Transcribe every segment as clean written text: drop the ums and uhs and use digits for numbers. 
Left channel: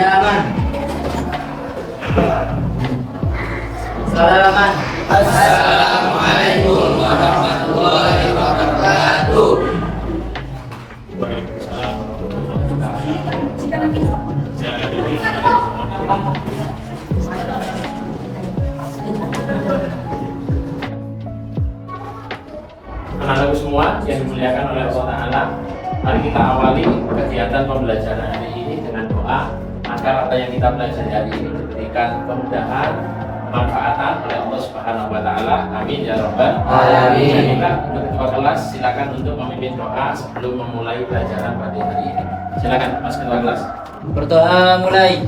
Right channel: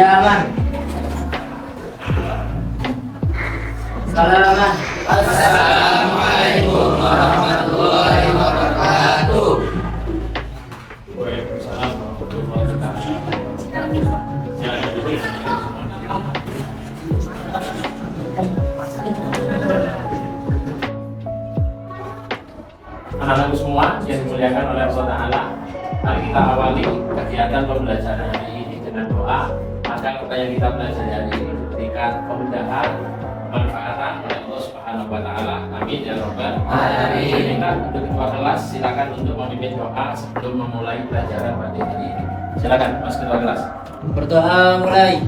Diaman. Salaman. Assalamualaikum warahmatullahi wabarakatuh. Waalaikumsalam warahmatullahi wabarakatuh. Anak-anakku semua yang dimuliakan oleh Allah Ta'ala, mari kita awali kegiatan pembelajaran hari ini dengan doa agar apa yang kita pelajari hari ini diberikan kemudahan, kemanfaatan oleh Allah Subhanahu wa Ta'ala. Amin ya Rabbal alamin. Kita untuk ketua kelas silakan untuk memimpin doa sebelum memulai pelajaran pada hari ini. Silakan Mas Ketua kelas. Berdoa mulai.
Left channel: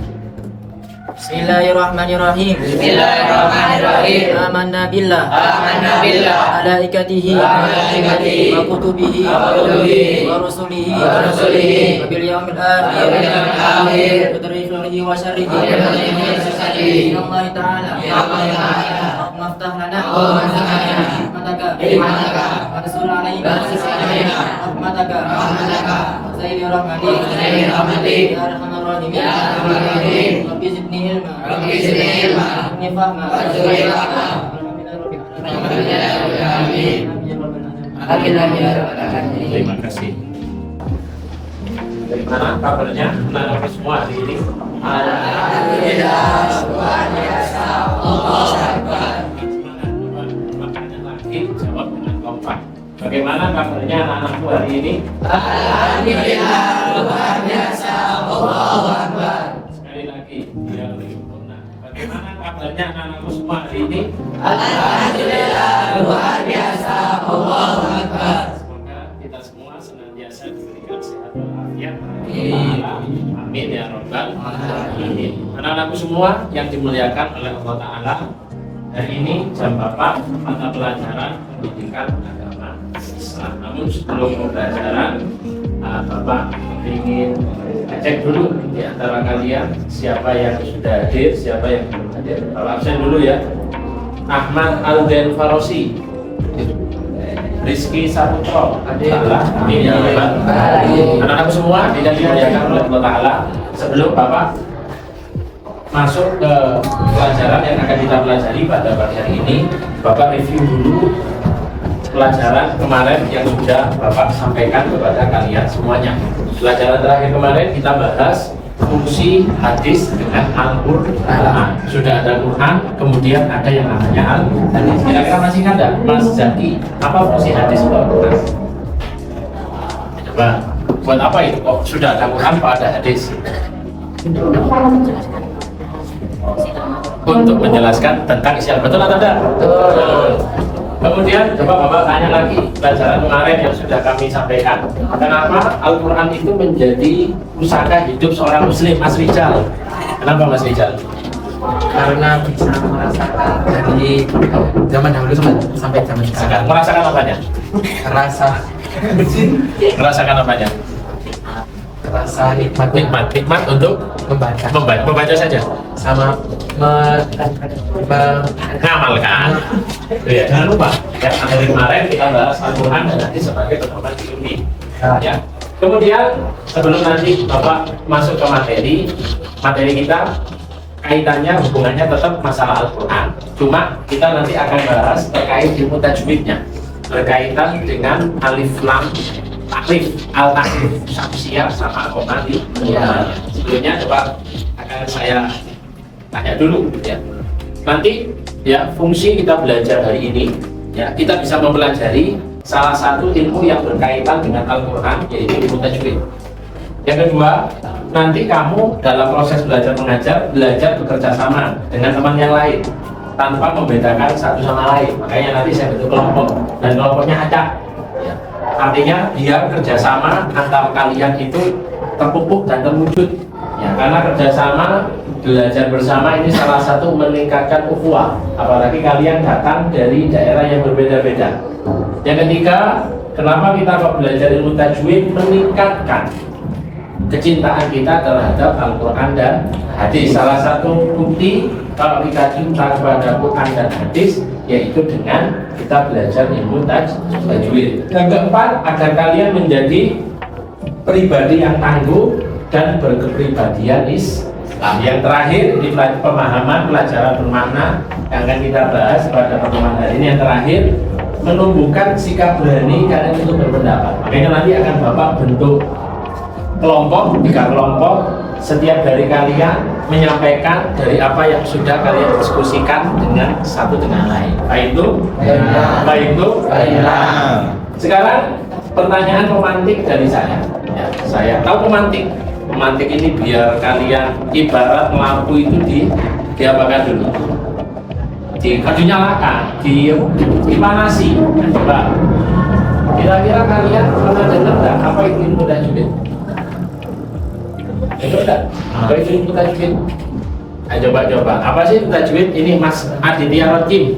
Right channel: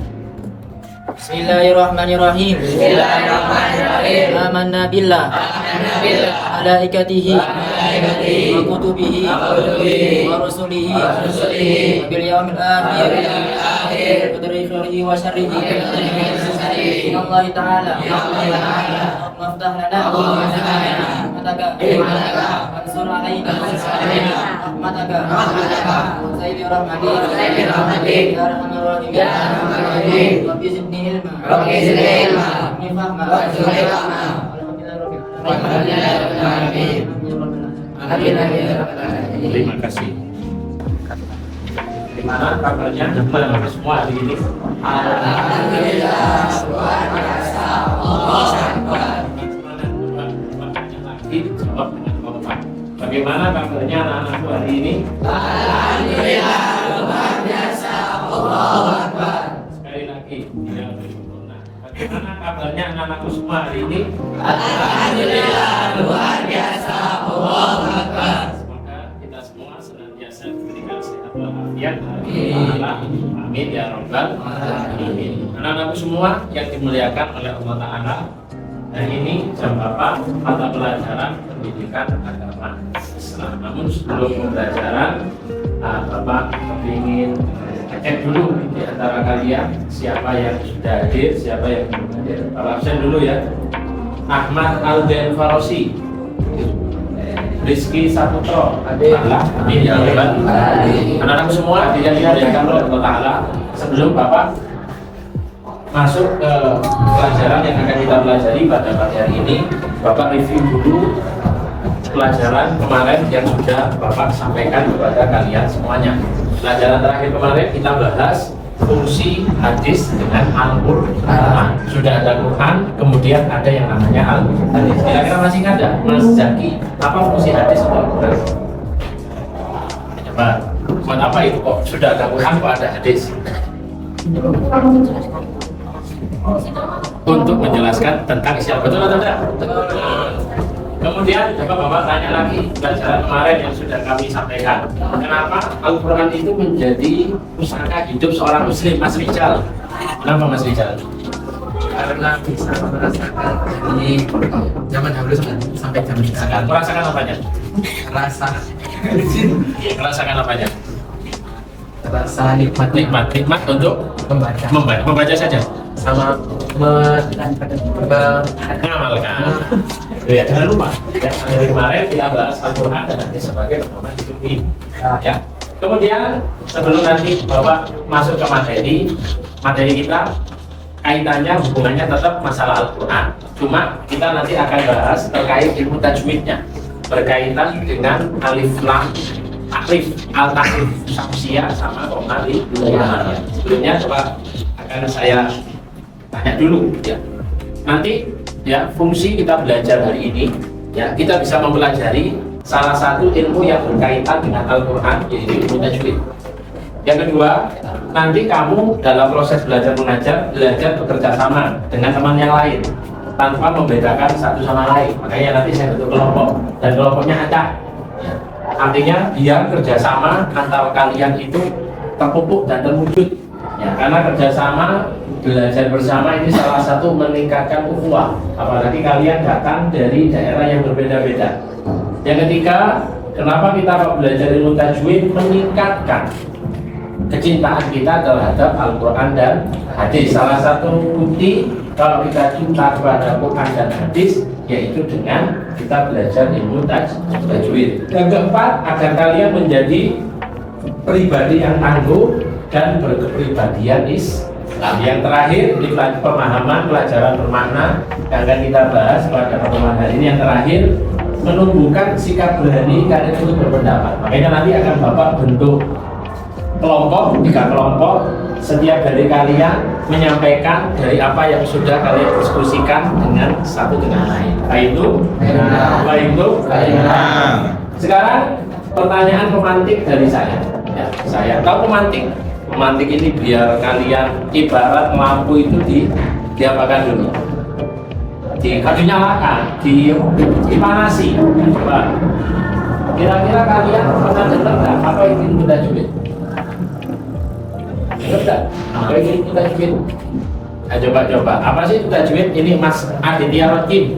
Bismillahirrahmanirrahim. Bismillahirrahmanirrahim. Amanna billah. Amanna billah. Malaikatihi. Malaikatihi. Wa kutubihi. Wa kutubihi. Wa rusulihi. Wa rusulihi. Wa bil yaumil akhir. Wa bil yaumil akhir. Wa tarikhihi wa syarrihi. Wa tarikhihi wa syarrihi. Ya Allah Ta'ala. Ya Allah Ta'ala. Maftah lana. Rahmataka. Rahmataka. Mansur alaina. Mansur alaina. Rahmataka. Rahmataka. Wa sayyidi rahmati. Wa sayyidi rahmati. Ya arhamar rahimin. Ya arhamar rahimin. Rabbi zidni ilma. Rabbi zidni ilma. Wa fahma. Wa fahma. Amin ya rabbal alamin. Terima kasih. Dari mana kabarnya anak-anak semua hari ini? Alhamdulillah, luar biasa. Allahu Akbar. Makanya lagi jawab dengan kompak. Bagaimana kabarnya anak-anakku hari ini? Alhamdulillah, luar biasa. Allahu Akbar. Sekali lagi, ya sempurna. Bagaimana kabarnya anak-anakku semua hari ini? Alhamdulillah, luar biasa. Allahu Akbar. Semoga kita semua senantiasa diberikan sehat walafiat. Amin ya rabbal alamin. Anak-anakku semua yang dimuliakan oleh Allah Ta'ala, hari ini jam berapa mata pelajaran pendidikan agama Islam. Namun sebelum pembelajaran, Bapak ingin cek dulu di antara kalian siapa yang sudah hadir, siapa yang belum hadir. Bapak absen dulu ya. Ahmad Alden Farosi, Rizky Saputro, amin ya rabbal alamin. Anak-anakku semua dimuliakan oleh Allah Ta'ala. Sebelum Bapak masuk ke pelajaran yang akan kita pelajari pada pagi hari ini, Bapak review dulu pelajaran kemarin yang sudah Bapak sampaikan kepada kalian semuanya. Pelajaran terakhir kemarin kita bahas fungsi hadis dengan Al-Quran. Sudah ada Quran, kemudian ada yang namanya Al-Hadis. Kira-kira masih ingat ada? Mas Zaki, apa fungsi hadis dengan Quran? Coba, buat apa itu kok sudah ada Quran, kok ada hadis? Untuk menjelaskan tentang isi Al-Quran. Betul atau tidak? Betul. Kemudian coba Bapak tanya lagi pelajaran kemarin yang sudah kami sampaikan. Kenapa Al-Quran itu menjadi pusaka hidup seorang muslim, Mas Rijal? Kenapa Mas Rijal? Karena bisa merasakan dari zaman dahulu sampai zaman sekarang. Merasakan apanya? Merasakan apanya? Rasa nikmat Nikmat untuk membaca saja. sama mengamalkan. Ya, jangan lupa ya, hari kemarin kita bahas Al-Quran dan nanti sebagai pedoman hidup ini. Ya. Kemudian sebelum nanti Bapak masuk ke materi kita kaitannya hubungannya tetap masalah Al-Quran. Cuma kita nanti akan bahas terkait ilmu tajwidnya, berkaitan dengan alif lam taklif, al-taklif syamsiah sama koma di luarnya. Sebelumnya coba akan saya tanya dulu ya. Nanti ya fungsi kita belajar hari ini ya, kita bisa mempelajari salah satu ilmu yang berkaitan dengan Al-Quran, yaitu ilmu tajwid. Yang kedua, nanti kamu dalam proses belajar mengajar belajar bekerja sama dengan teman yang lain tanpa membedakan satu sama lain. Makanya nanti saya bentuk kelompok dan kelompoknya acak ya. Artinya biar kerjasama antara kalian itu terpupuk dan terwujud ya, karena kerjasama belajar bersama ini salah satu meningkatkan ukhuwah, apalagi kalian datang dari daerah yang berbeda-beda. Yang ketiga, kenapa kita kok belajar ilmu tajwid? Meningkatkan kecintaan kita terhadap Al-Quran dan hadis. Salah satu bukti kalau kita cinta kepada Quran dan hadis yaitu dengan kita belajar ilmu tajwid. Yang keempat, agar kalian menjadi pribadi yang tangguh dan berkepribadian Nah, yang terakhir di pemahaman pelajaran bermakna yang akan kita bahas pada pertemuan hari ini yang terakhir, menumbuhkan sikap berani karena untuk berpendapat. Makanya nanti akan Bapak bentuk kelompok, 3 kelompok. Setiap dari kalian menyampaikan dari apa yang sudah kalian diskusikan dengan satu dengan lain. Baik itu. Sekarang pertanyaan pemantik dari saya. Ya, saya tahu pemantik. Pemantik ini biar kalian ibarat lampu itu diapakan dulu. Dinyalakan, dipanasi. Coba. Kira-kira kalian pernah dengar nggak apa itu ilmu tajwid? Apa itu ilmu tajwid? Coba. Apa sih ilmu tajwid? Ini Mas Aditya Rokim.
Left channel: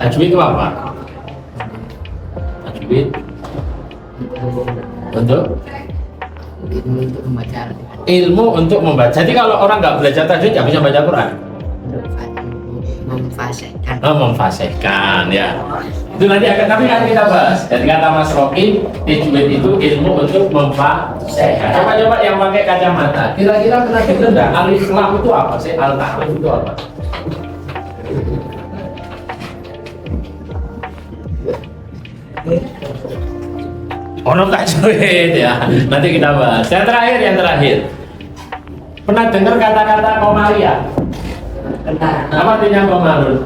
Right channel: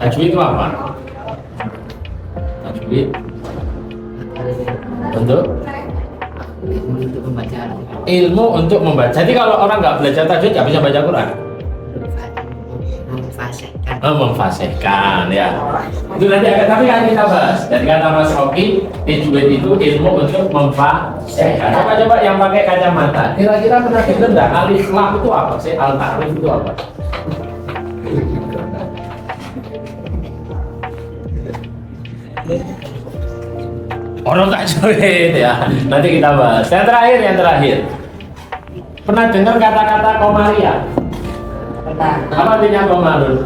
Tajwid itu apa? Tajwid untuk membaca ilmu untuk membaca. Jadi kalau orang nggak belajar tajwid nggak bisa baca Quran. Memfasihkan ya. Itu nanti akan tapi akan kita bahas. Jadi kata Mas Rocky, tajwid itu ilmu untuk memfasihkan. Coba yang pakai kacamata. Kira-kira pernah dengar nggak alif lam itu apa sih? Al ta'rif itu apa? Orang tajwid ya. Nanti kita bahas. Yang terakhir. Pernah dengar kata-kata komaria? Apa artinya komarul?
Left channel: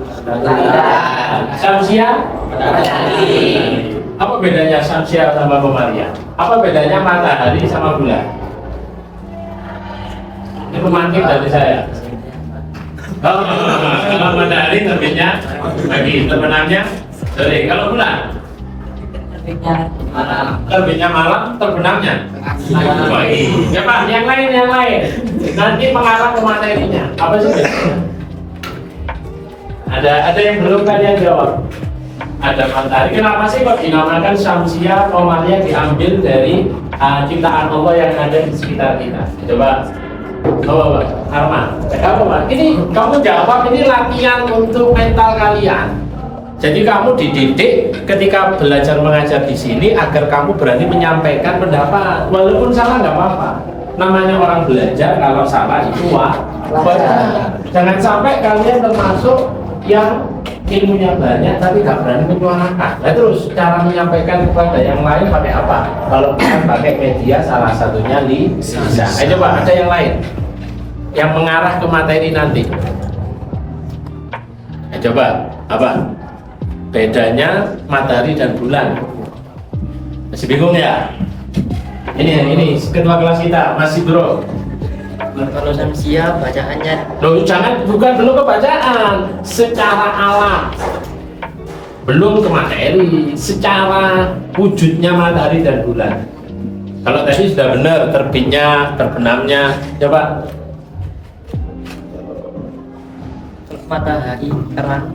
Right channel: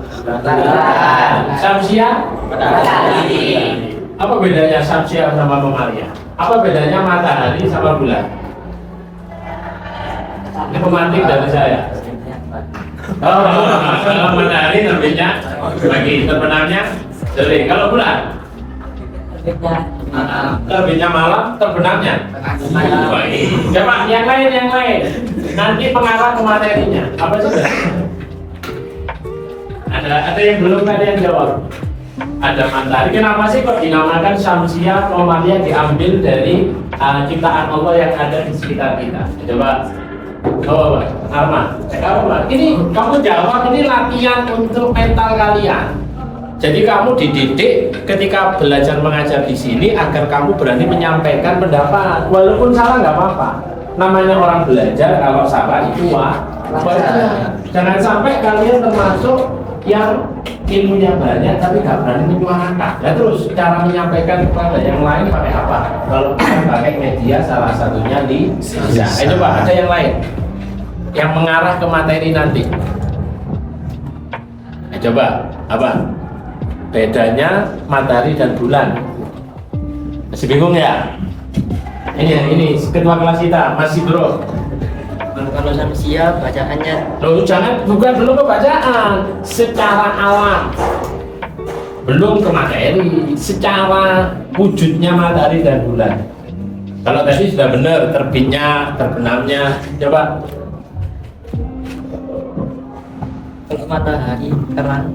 Samsia? Apa bedanya samsia sama komaria? Apa bedanya matahari sama bulan? Ini pemantik dari saya. Kalau matahari terbitnya pagi, terbenamnya sore. Kalau bulan? Terbitnya malam, terbenamnya pagi. Coba yang lain. Nanti mengarah ke materinya. Apa sih? Ada yang belum kalian jawab? Ada matahari. Kenapa sih kok dinamakan Samsia? Komaria diambil dari ciptaan Allah yang ada di sekitar kita. Coba Arman, ini kamu jawab, ini latihan untuk mental kalian. Jadi kamu dididik ketika belajar mengajar di sini agar kamu berani menyampaikan pendapat, walaupun salah nggak apa-apa. Namanya orang belajar, kalau salah itu wajar. Jangan sampai kalian termasuk yang ilmunya banyak tapi nggak berani menyuarakan. Nah terus cara menyampaikan kepada yang lain pakai apa? Kalau bukan pakai media, salah satunya lisan. Coba ada yang lain yang mengarah ke materi nanti. Coba apa? Bedanya matahari dan bulan. Masih bingung ya? Ini kedua kelas kita masih bro. Kalau samsia bacaannya Loh, bukan dulu ke bacaan, secara alam. Belum ke materi, secara wujudnya matahari dan bulan. Kalau tadi sudah benar terbitnya, terbenamnya. Coba. kalau matahari terang,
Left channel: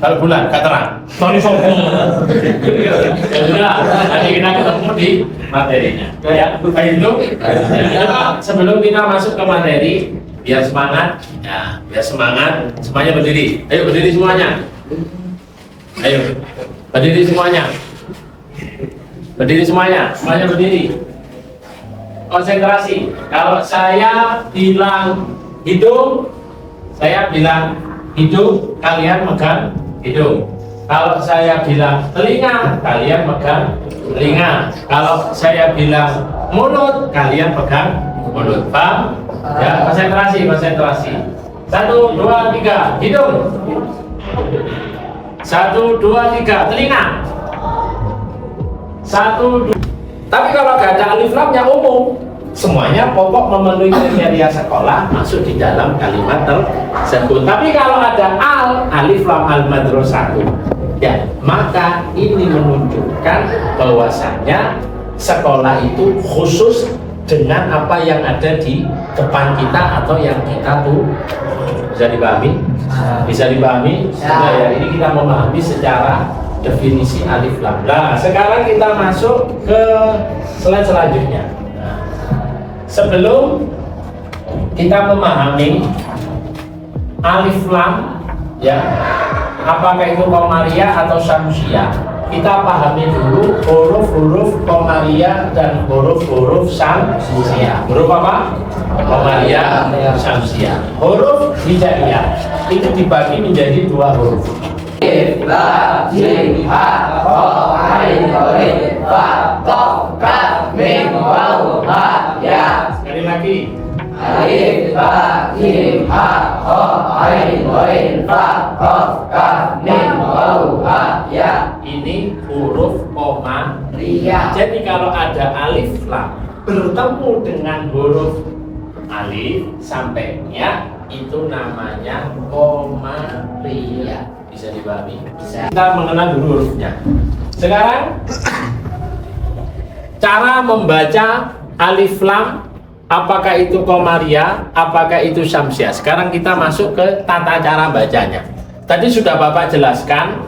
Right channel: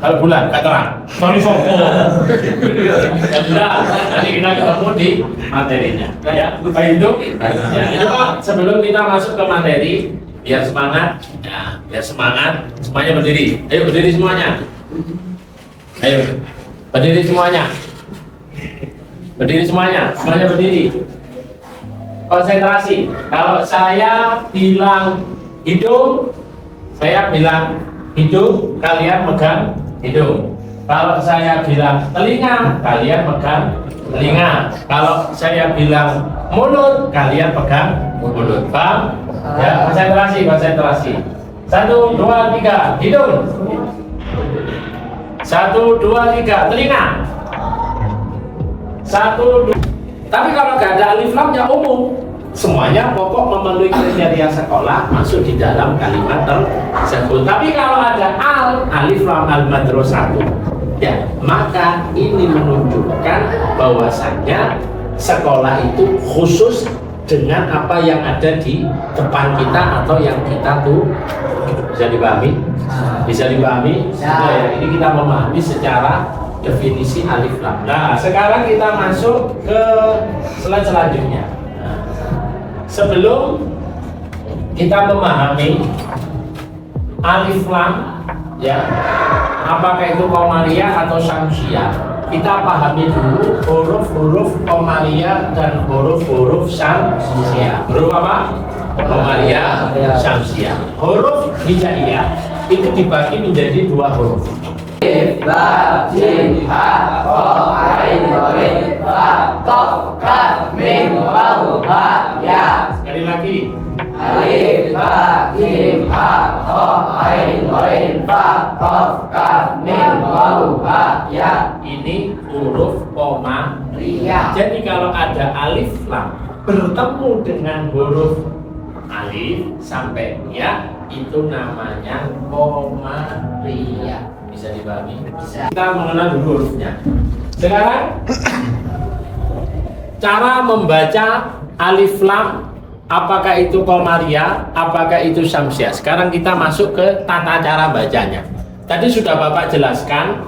kalau bulan nggak terang. Sorry sopo. Sudah, nanti kita ketemu di materinya. Ya, baik itu. Coba sebelum kita masuk ke materi, biar semangat. Ya, biar semangat. Semuanya berdiri. Ayo berdiri semuanya. Ayo, berdiri semuanya. Semuanya berdiri. Konsentrasi. Kalau saya bilang hidung, saya bilang hidung, kalian megang hidung. Kalau saya bilang telinga, kalian megang telinga. Kalau saya bilang mulut, kalian pegang mulut. Paham? Ya, konsentrasi. 1, 2, 3, hidung. 1, 2, 3, telinga. 1, 2. Tapi kalau nggak ada alif lamnya umum. Semuanya pokok memenuhi kriteria sekolah masuk di dalam kalimat tersebut. Tapi kalau ada alif lam al madrasah, ya maka ini menunjukkan bahwasannya sekolah itu khusus dengan apa yang ada di depan kita atau yang kita tuh. Bisa dipahami? Ya, ini kita memahami secara definisi alif lam. Nah, sekarang kita masuk ke slide selanjutnya. Sebelum kita memahami alif lam, ya, apakah itu komaria atau syamsia, kita pahami dulu huruf-huruf Qamariyah dan huruf-huruf Syamsiyah. Huruf apa? Qamariyah, Syamsiyah. Huruf Hijaiyah itu dibagi menjadi dua huruf. Alif, Lam, Jim, Ha, Kha, Ain, Ghain, Fa, Qaf, Kaf, Mim, Waw, Ha, Ya. Sekali lagi. Alif, Lam, Jim, Ha, Kha, Ain, Ghain, Fa, Qaf, Kaf, Mim, Waw, Ha, Ya. Ini huruf Qamariyah. Ria. Jadi kalau ada alif lam bertemu dengan huruf alif sampai ya, itu namanya Qamariyah. Bisa dipahami? Kita mengenal dulu hurufnya. Sekarang cara membaca alif lam, apakah itu Qamariyah, apakah itu Syamsiyah. Sekarang kita masuk ke tata cara bacanya. Tadi sudah Bapak jelaskan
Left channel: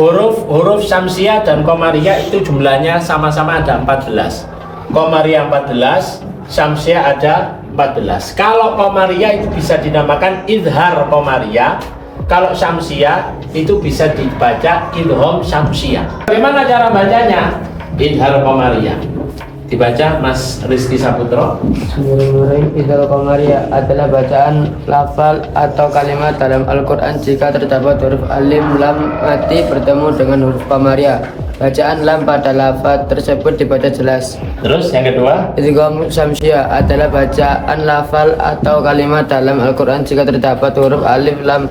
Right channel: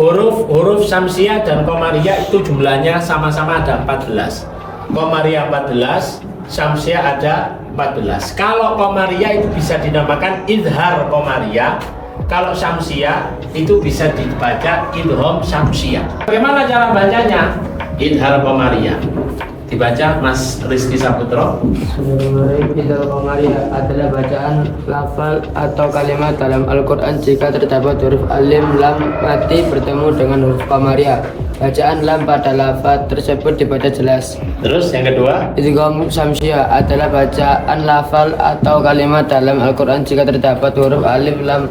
huruf Syamsiyah dan Qamariyah itu jumlahnya sama-sama ada 14. Qamariyah 14, Syamsiyah ada 14. Kalau Qamariyah itu bisa dinamakan idhar Qamariyah. Kalau Syamsiyah itu bisa dibaca idgham Syamsiyah. Bagaimana cara bacanya? Idhar Qamariyah. Dibaca Mas Rizky Saputro. Idhar Qamariyah adalah bacaan lafal atau kalimat dalam Al-Quran jika terdapat huruf alim lam mati bertemu dengan huruf Qamariyah. Bacaan lam pada lafal tersebut dibaca jelas. Terus yang kedua, Idgham Syamsiyah adalah bacaan lafal atau kalimat dalam Al-Quran jika terdapat huruf alif lam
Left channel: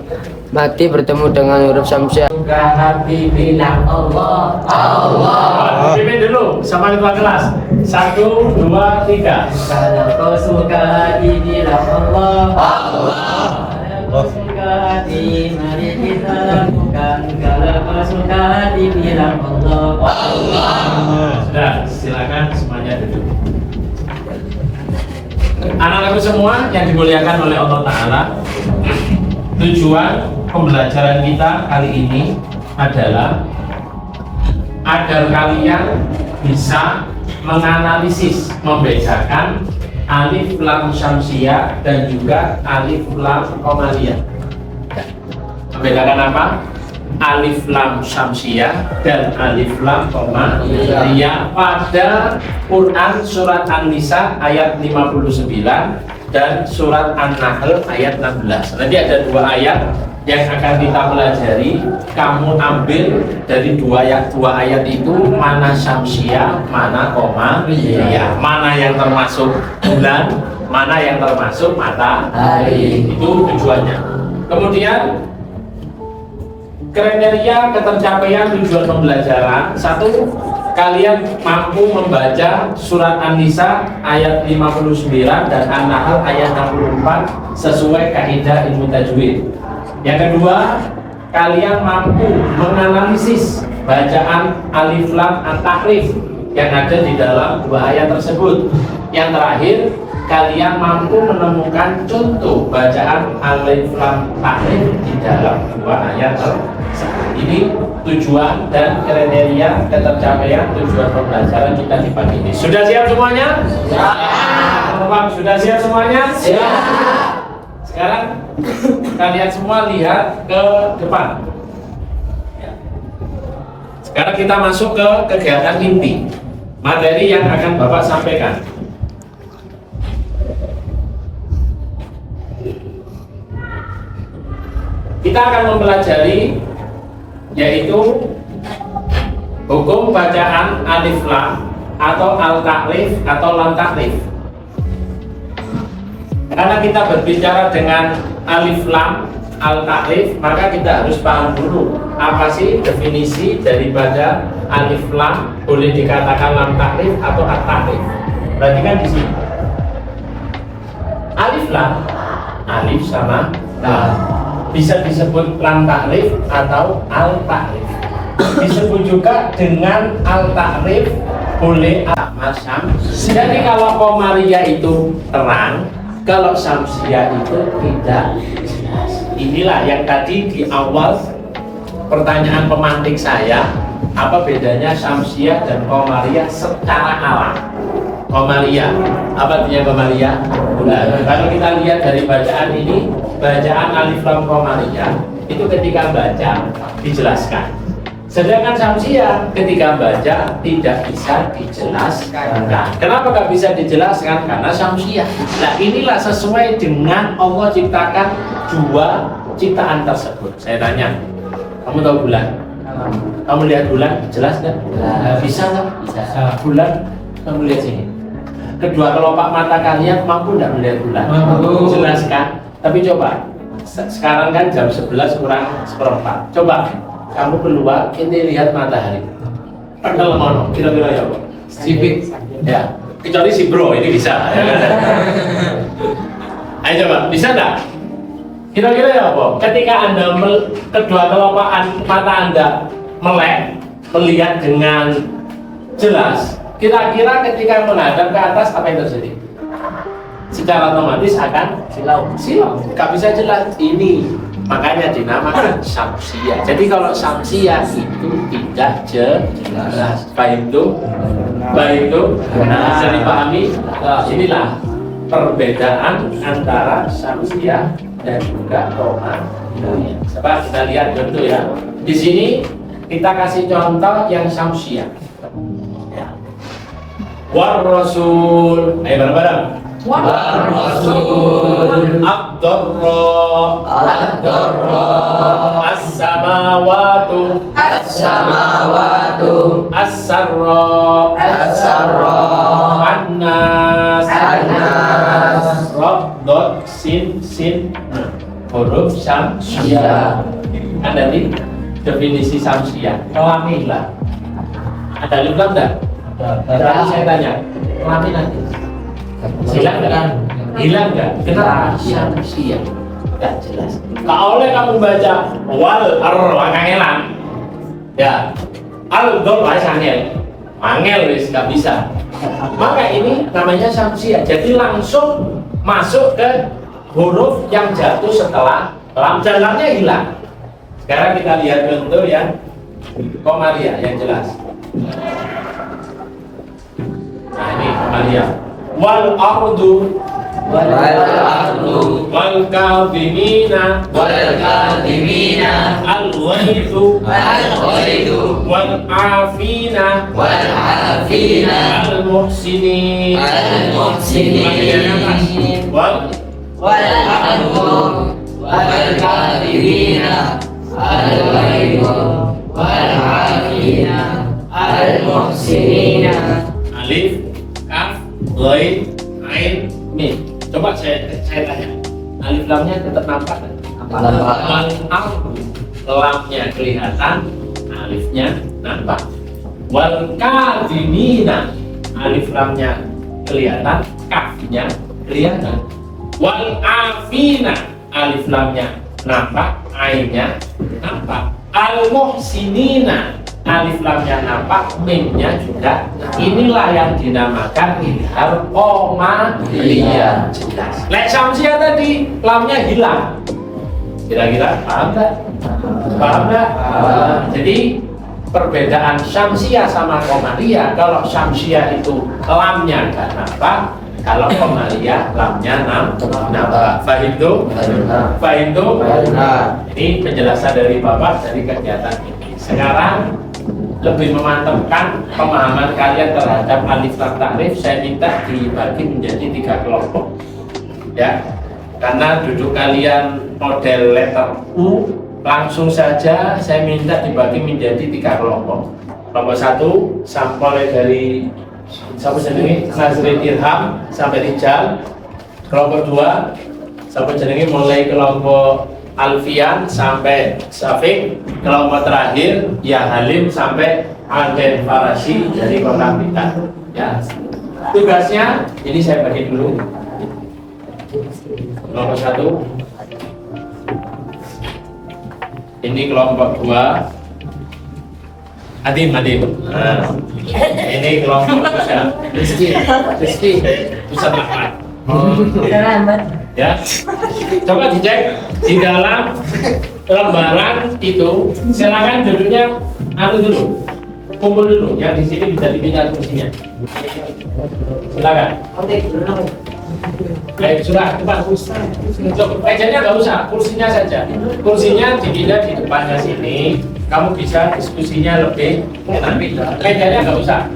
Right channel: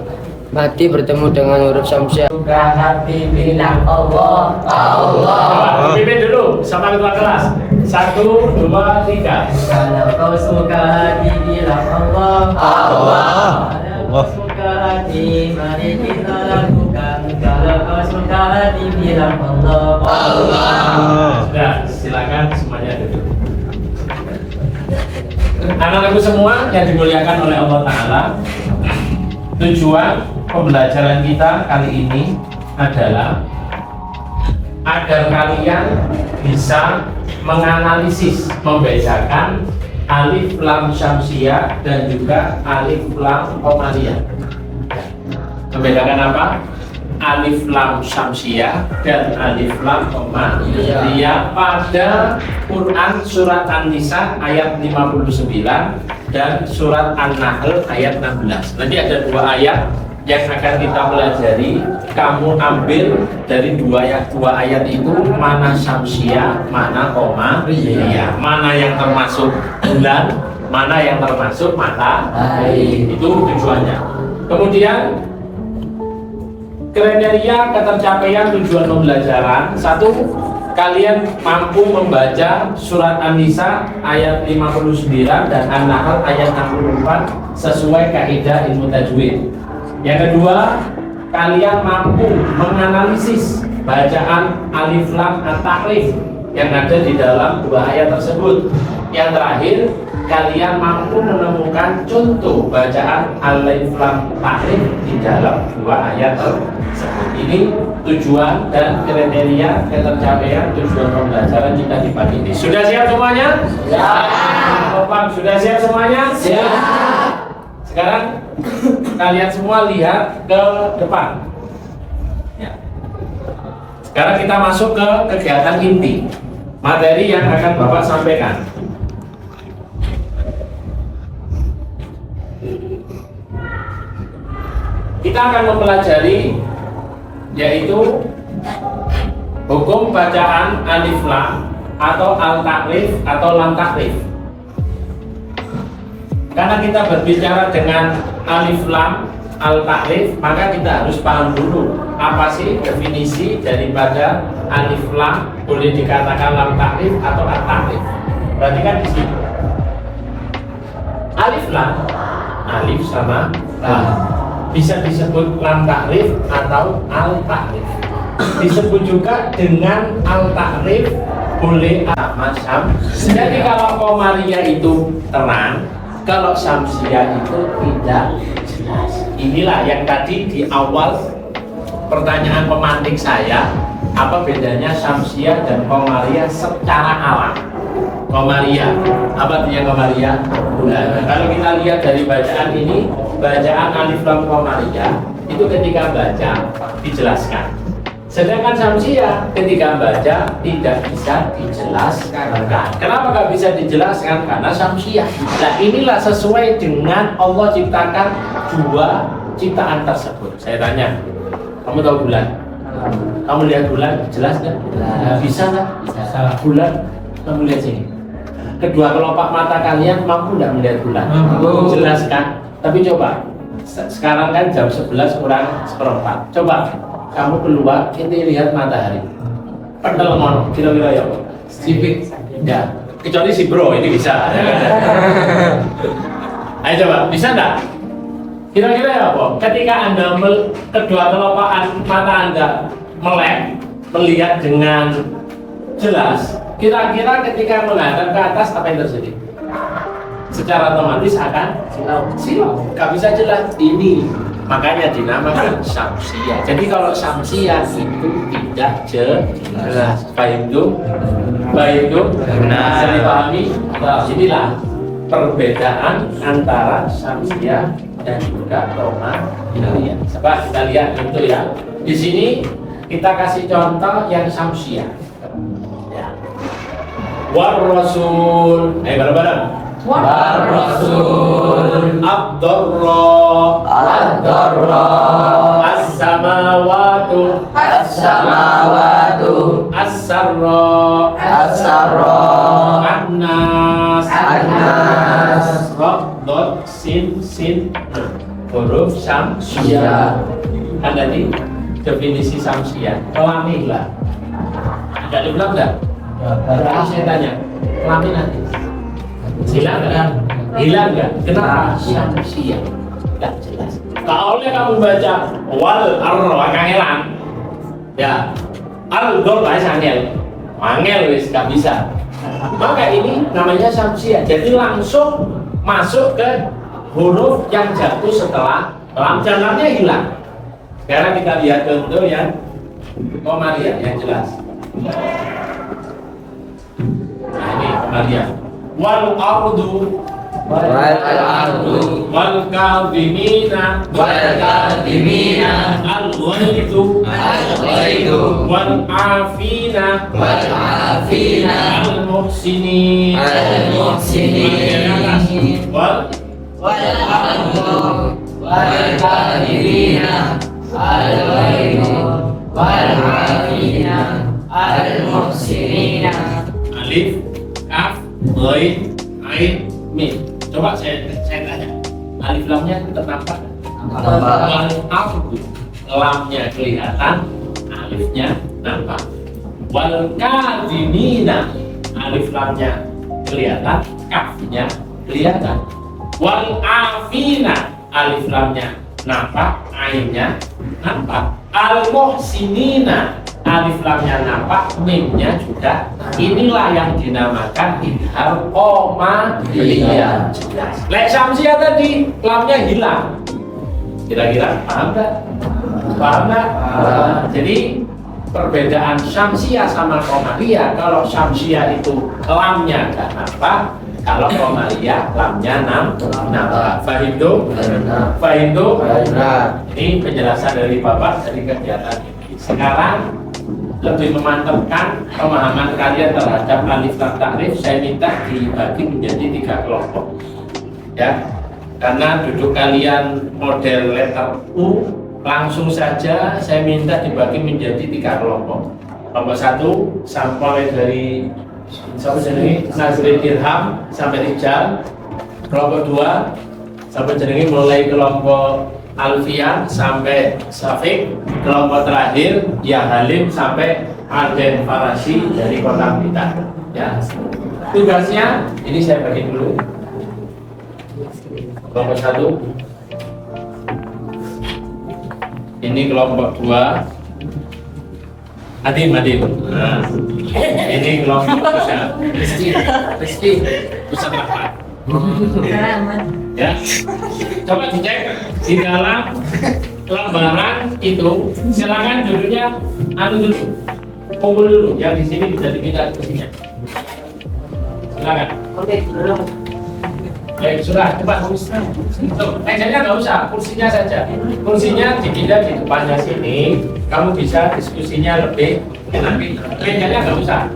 mati bertemu dengan huruf Syamsiyah. Suka Nabi bilang Allah, Allah. pimpin dulu sama ketua kelas. 1, 2, 3. Kalau kau suka dibilang Allah, Allah. Kalau kau suka hati, mari kita lakukan. Kalau kau suka dibilang Allah, Allah. Sudah, silakan semuanya duduk. Anak-anakku semua yang dimuliakan oleh Allah Ta'ala, tujuan pembelajaran kita kali ini adalah agar kalian bisa menganalisis, membedakan alif lam Syamsiyah dan juga alif lam Qamariyah. Membedakan apa? Alif lam Syamsiyah dan alif lam Qamariyah pada Quran surat An-Nisa ayat 59 dan surat An-Nahl ayat 16. Nanti ada dua ayat yang akan kita pelajari. Kamu ambil dari dua ayat itu, mana Syamsiyah, mana Qamariyah, mana yang termasuk bulan, mana yang termasuk matahari. Itu tujuannya. Kemudian kriteria ketercapaian tujuan pembelajaran: 1, kalian mampu membaca surat An-Nisa ayat 59 dan An-Nahl ayat 64 sesuai kaidah ilmu tajwid. Yang kedua, kalian mampu menganalisis bacaan alif lam at-ta'rif yang ada di dalam dua ayat tersebut. Yang terakhir, kalian mampu menemukan contoh bacaan alif lam ta'rif di dalam dua ayat tersebut. Ini tujuan dan kriteria ketercapaian tujuan pembelajaran kita di pagi ini. Sudah siap semuanya? Siap. Sudah siap semuanya? Siap. Sekarang kalian semua lihat ke depan. Ya. Sekarang kita masuk ke kegiatan inti, materi yang akan Bapak sampaikan. Kita akan mempelajari yaitu hukum bacaan alif lam atau al-ta'rif atau lam ta'rif. Karena kita berbicara dengan alif lam al-ta'rif, maka kita harus paham dulu apa sih definisi daripada alif lam, boleh dikatakan lam ta'rif atau al-ta'rif. Berarti kan di sini alif lam, alif sama lam, bisa disebut lam ta'rif atau al-ta'rif. Disebut juga dengan al-ta'rif, boleh macam. Jadi kalau Qamariyah itu terang, kalau Syamsiyah itu tidak jelas. Inilah yang tadi di awal pertanyaan pemantik saya, apa bedanya Syamsiyah dan Qamariyah secara alam. Qamariyah, apa artinya Qamariyah? Bulan. Kalau kita lihat dari bacaan ini, bacaan alif lam Qamariyah itu ketika baca dijelaskan. Sedangkan samsia ketika baca tidak bisa dijelaskan. Nah, kenapa nggak bisa dijelaskan? Karena samsia. Nah, inilah sesuai dengan Allah ciptakan dua ciptaan tersebut. Saya tanya, kamu tahu bulan? Kamu lihat bulan, jelas nggak? Bisa nggak? Bisa. Bulan, kamu lihat sini. Kedua kelopak mata kalian mampu nggak melihat bulan? Mampu. Jelas kan? Tapi coba, sekarang kan jam 11 kurang seperempat. Coba, kamu keluar, kita lihat matahari. Padahal ngono, kira-kira ya, Pak? Sipit. Ya, kecuali si bro ini bisa. Ayo coba, bisa nggak? Kira-kira ya, Pak? Ketika Anda kedua kelopak mata Anda melek, melihat dengan jelas, kira-kira ketika menghadap ke atas apa yang terjadi? Secara otomatis akan silau. Gak bisa jelas. Ini makanya dinamakan samsia. Jadi kalau samsia itu tidak jelas. Baik itu, bisa dipahami. Inilah perbedaan antara samsia dan juga komaria. Coba kita lihat contoh ya. Di sini kita kasih contoh yang samsia. Ya. War Rasul. Ayo bareng-bareng. War-Rasul Ad-Darra As-Samawatu As-Sarra An-Nas Ra-Dot Sin huruf samsia. Kan tadi definisi samsia kelamilah. Ada bilang enggak? Berarti saya tanya, kelamin nanti hilang nggak? Hilang nggak? Kenapa? Samsia nggak jelas. Kalau oleh kamu baca wal kangelan, ya al dol angel wis nggak bisa. Maka ini namanya samsia. Jadi langsung masuk ke huruf yang jatuh setelah lam, dan lamnya hilang. Sekarang kita lihat contoh yang komaria yang jelas. Nah ini komaria. Wal ardu wal kadhimina al ghaidu wal afina al muhsinin wal kadhimina al ghaidu wal afina al muhsinin. Alif, kaf, Ghain, Ain, Mim. Coba saya tanya, alif lamnya tetap nampak kan? Wal ardu, lamnya kelihatan, alifnya nampak. Wal kadhimina, alif lamnya kelihatan, kafnya kelihatan. Wal afina, alif lamnya nampak, ainnya nampak. Al muhsinina, alif lamnya nampak, mimnya juga. Inilah yang dinamakan idhar komaria. Lek samsia tadi lamnya hilang. Kira-kira paham tak? Paham tak? Jadi perbedaan samsia sama komaria, kalau samsia itu lamnya gak nampak, kalau komaria lamnya nampak. Fahim tuh? Ini penjelasan dari Bapak dari kegiatan ini. Sekarang lebih memantapkan pemahaman kalian terhadap alif lam ta'rif, saya minta dibagi menjadi 3 kelompok ya, karena duduk kalian model letter U, langsung saja saya minta dibagi menjadi 3 kelompok. Kelompok 1 sampel dari sampai jenengi Nazrin Irham sampai Rijal. Kelompok 2 sampai jenengi mulai kelompok Alfian sampai Syafiq. Kelompok terakhir ya Halim sampai Aden Farasi dari Kota Blitar ya. Tugasnya ini saya bagi dulu. Kelompok 1 ini kelompok 2 Adim. Nah, ini kelompok Rizky Ustaz Ahmad. Ya, coba dicek di dalam lembaran itu. Silakan duduknya dulu, kumpul dulu. Yang di sini bisa dipindah kursinya. Silakan. Baik, sudah, cepat. Mejanya nggak usah, kursinya saja. Kursinya dipindah di depannya sini. Kamu bisa diskusinya lebih enak. Mejanya nggak usah.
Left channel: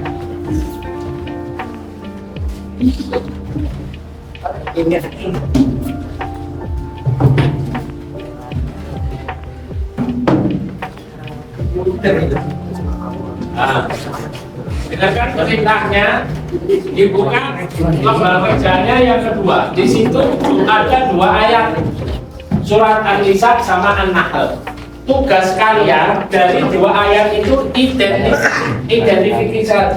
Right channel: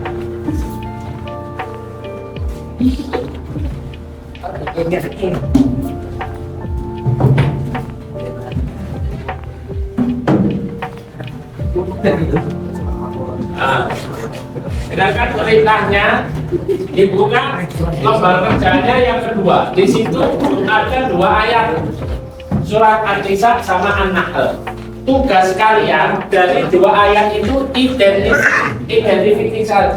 Nah, dengarkan perintahnya, dibuka lembar kerjanya yang kedua. Di situ ada 2 ayat, surat An-Nisa sama An-Nahl. Tugas kalian dari 2 ayat itu identifikasi,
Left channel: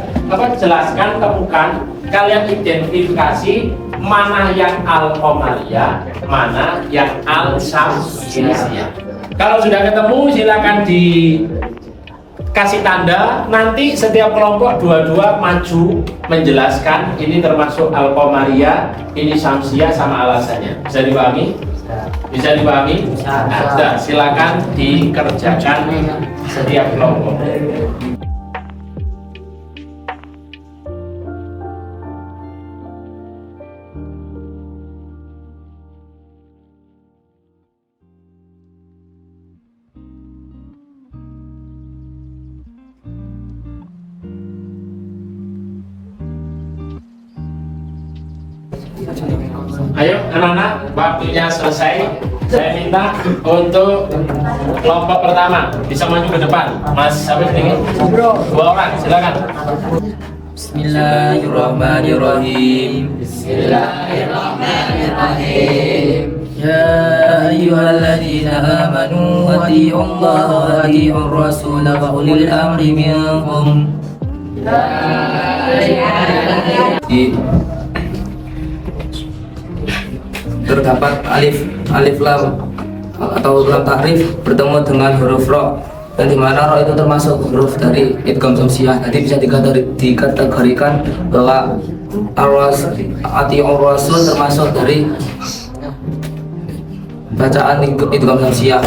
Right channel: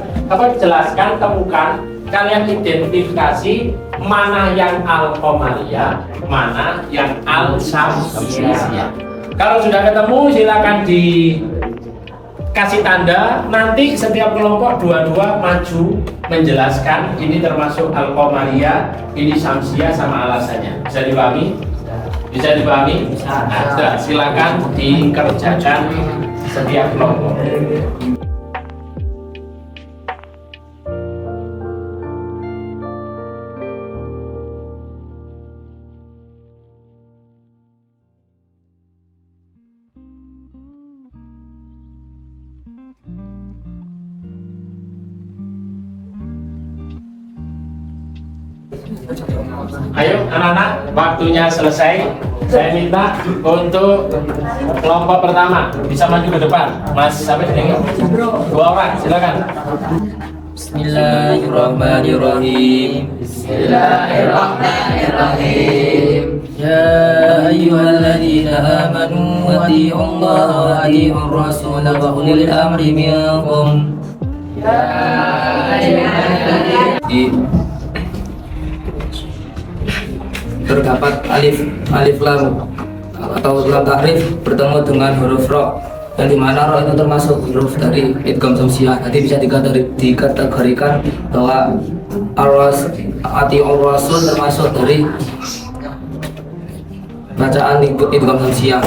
jelaskan, temukan, kalian identifikasi mana yang Al-Qamariyah, mana yang Al-Syamsiyah. Kalau sudah ketemu silakan dikasih tanda. Nanti setiap kelompok 2-2 maju menjelaskan ini termasuk Al-Qamariyah, ini Syamsiyah sama alasannya. Bisa dipahami? Bisa dipahami? Nah, sudah, silakan dikerjakan setiap kelompok. Ayo anak-anak, waktunya selesai. Saya minta untuk kelompok pertama bisa maju ke depan. Mas, sampai sini 2 orang, silakan. Bismillahirrahmanirrahim. Ya ayyuhalladzina amanu atti'ullaha wa atti'ur rasul wa ulil amri minkum. Terdapat alif lam atau lam takrif bertemu dengan huruf ro, yang dimana ro itu termasuk huruf dari idgham syamsiyah. Nanti bisa dikategorikan bahwa atiur rasul termasuk dari bacaan idgham syamsiyah.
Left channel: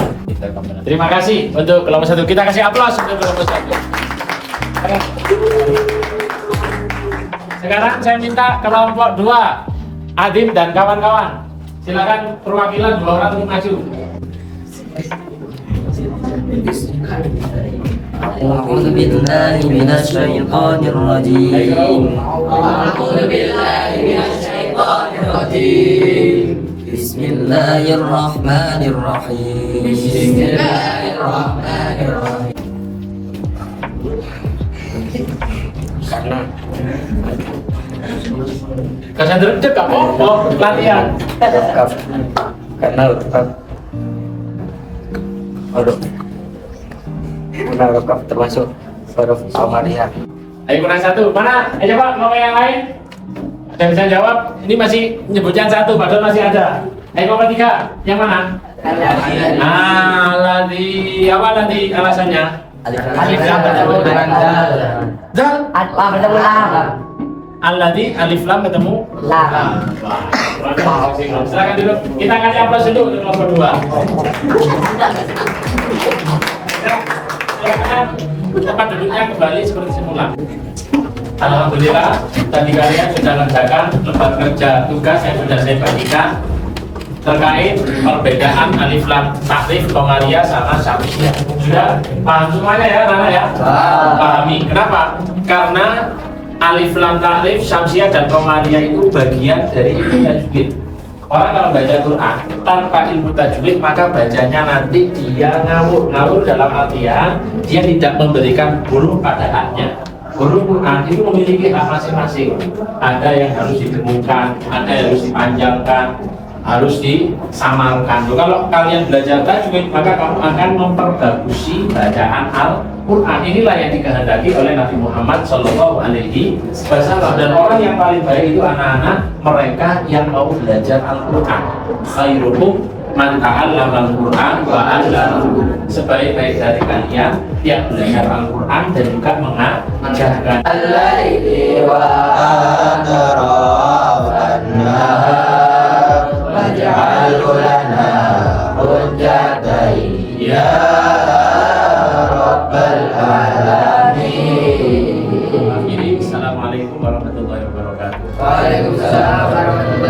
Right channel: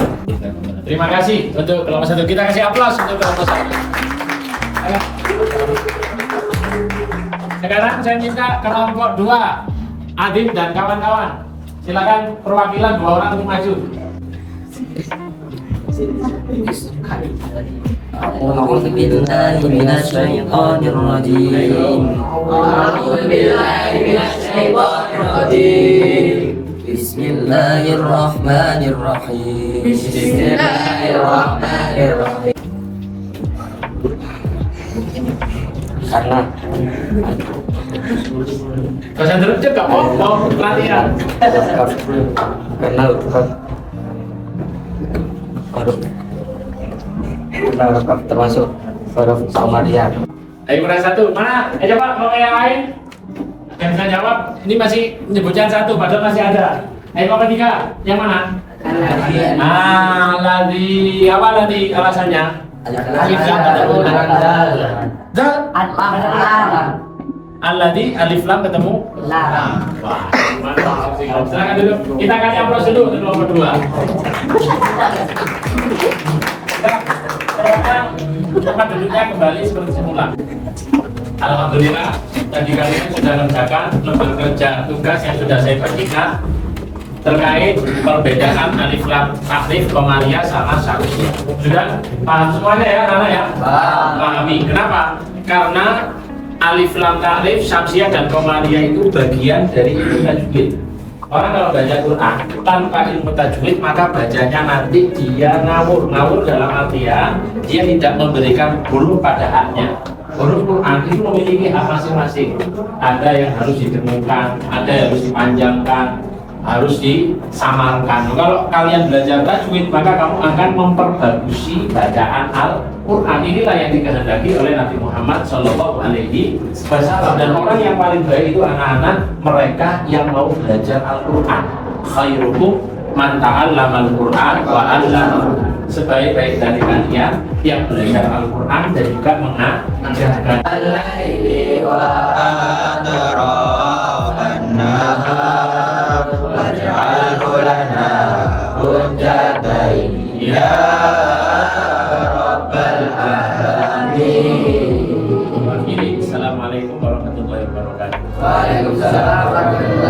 Terima kasih untuk kelompok 1. Kita kasih aplaus untuk kelompok 1. Sekarang saya minta kelompok 2, Adib dan kawan-kawan. Silakan perwakilan 2 orang untuk maju. A'udzu billahi minasy syaithanir rajim. Bismillahirrahmanirrahim. Karena Kasih terjek gak mau latihan. karena huruf kaf termasuk huruf Qamariyah. Ayo kurang 1, mana? Ayo coba kelompok yang lain. Ada yang bisa jawab? Ini masih menyebutkan 1, padahal masih ada. Ayo kelompok 3, yang mana? Alladzi, apa nanti alasannya? Alif lam ketemu dengan dal. Dal? Apa ketemu lam? Alladzi, alif lam ketemu Lam. Wah, silakan dulu. Kita kasih aplaus dulu untuk kelompok 2. Tempat duduknya kembali seperti semula. Alhamdulillah, tadi kalian sudah mengerjakan lembar kerja tugas yang sudah saya bagikan terkait perbedaan alif lam takrif Qamariyah sama Syamsiyah. Sudah paham semuanya ya, anak ya? Pahami. Kenapa? Karena alif lam takrif Syamsiyah dan Qamariyah itu bagian dari ilmu tajwid. Orang kalau baca Quran tanpa ilmu tajwid maka bacanya nanti dia ngawur. Ngawur dalam artian dia tidak memberikan huruf pada haknya. Huruf Quran itu memiliki hak masing-masing. Ada yang harus ditemukan, ada yang harus dipanjangkan, harus disamarkan. Kalau kalian belajar tajwid maka kamu akan memperbagusi bacaan Al-Quran. Inilah yang dikehendaki oleh Nabi Muhammad SAW. Dan orang yang paling baik itu anak-anak mereka yang mau belajar Al-Quran. Khairukum man ta'allama Al-Quran wa 'allamahu. Sebaik-baik dari kalian yang belajar Al-Quran dan juga mengajarkan. Al-laili wa atrafan nahar waj'alhu lana hujjatan ya rabbal alamin. Assalamualaikum warahmatullahi wabarakatuh. Waalaikumsalam warahmatullahi wabarakatuh.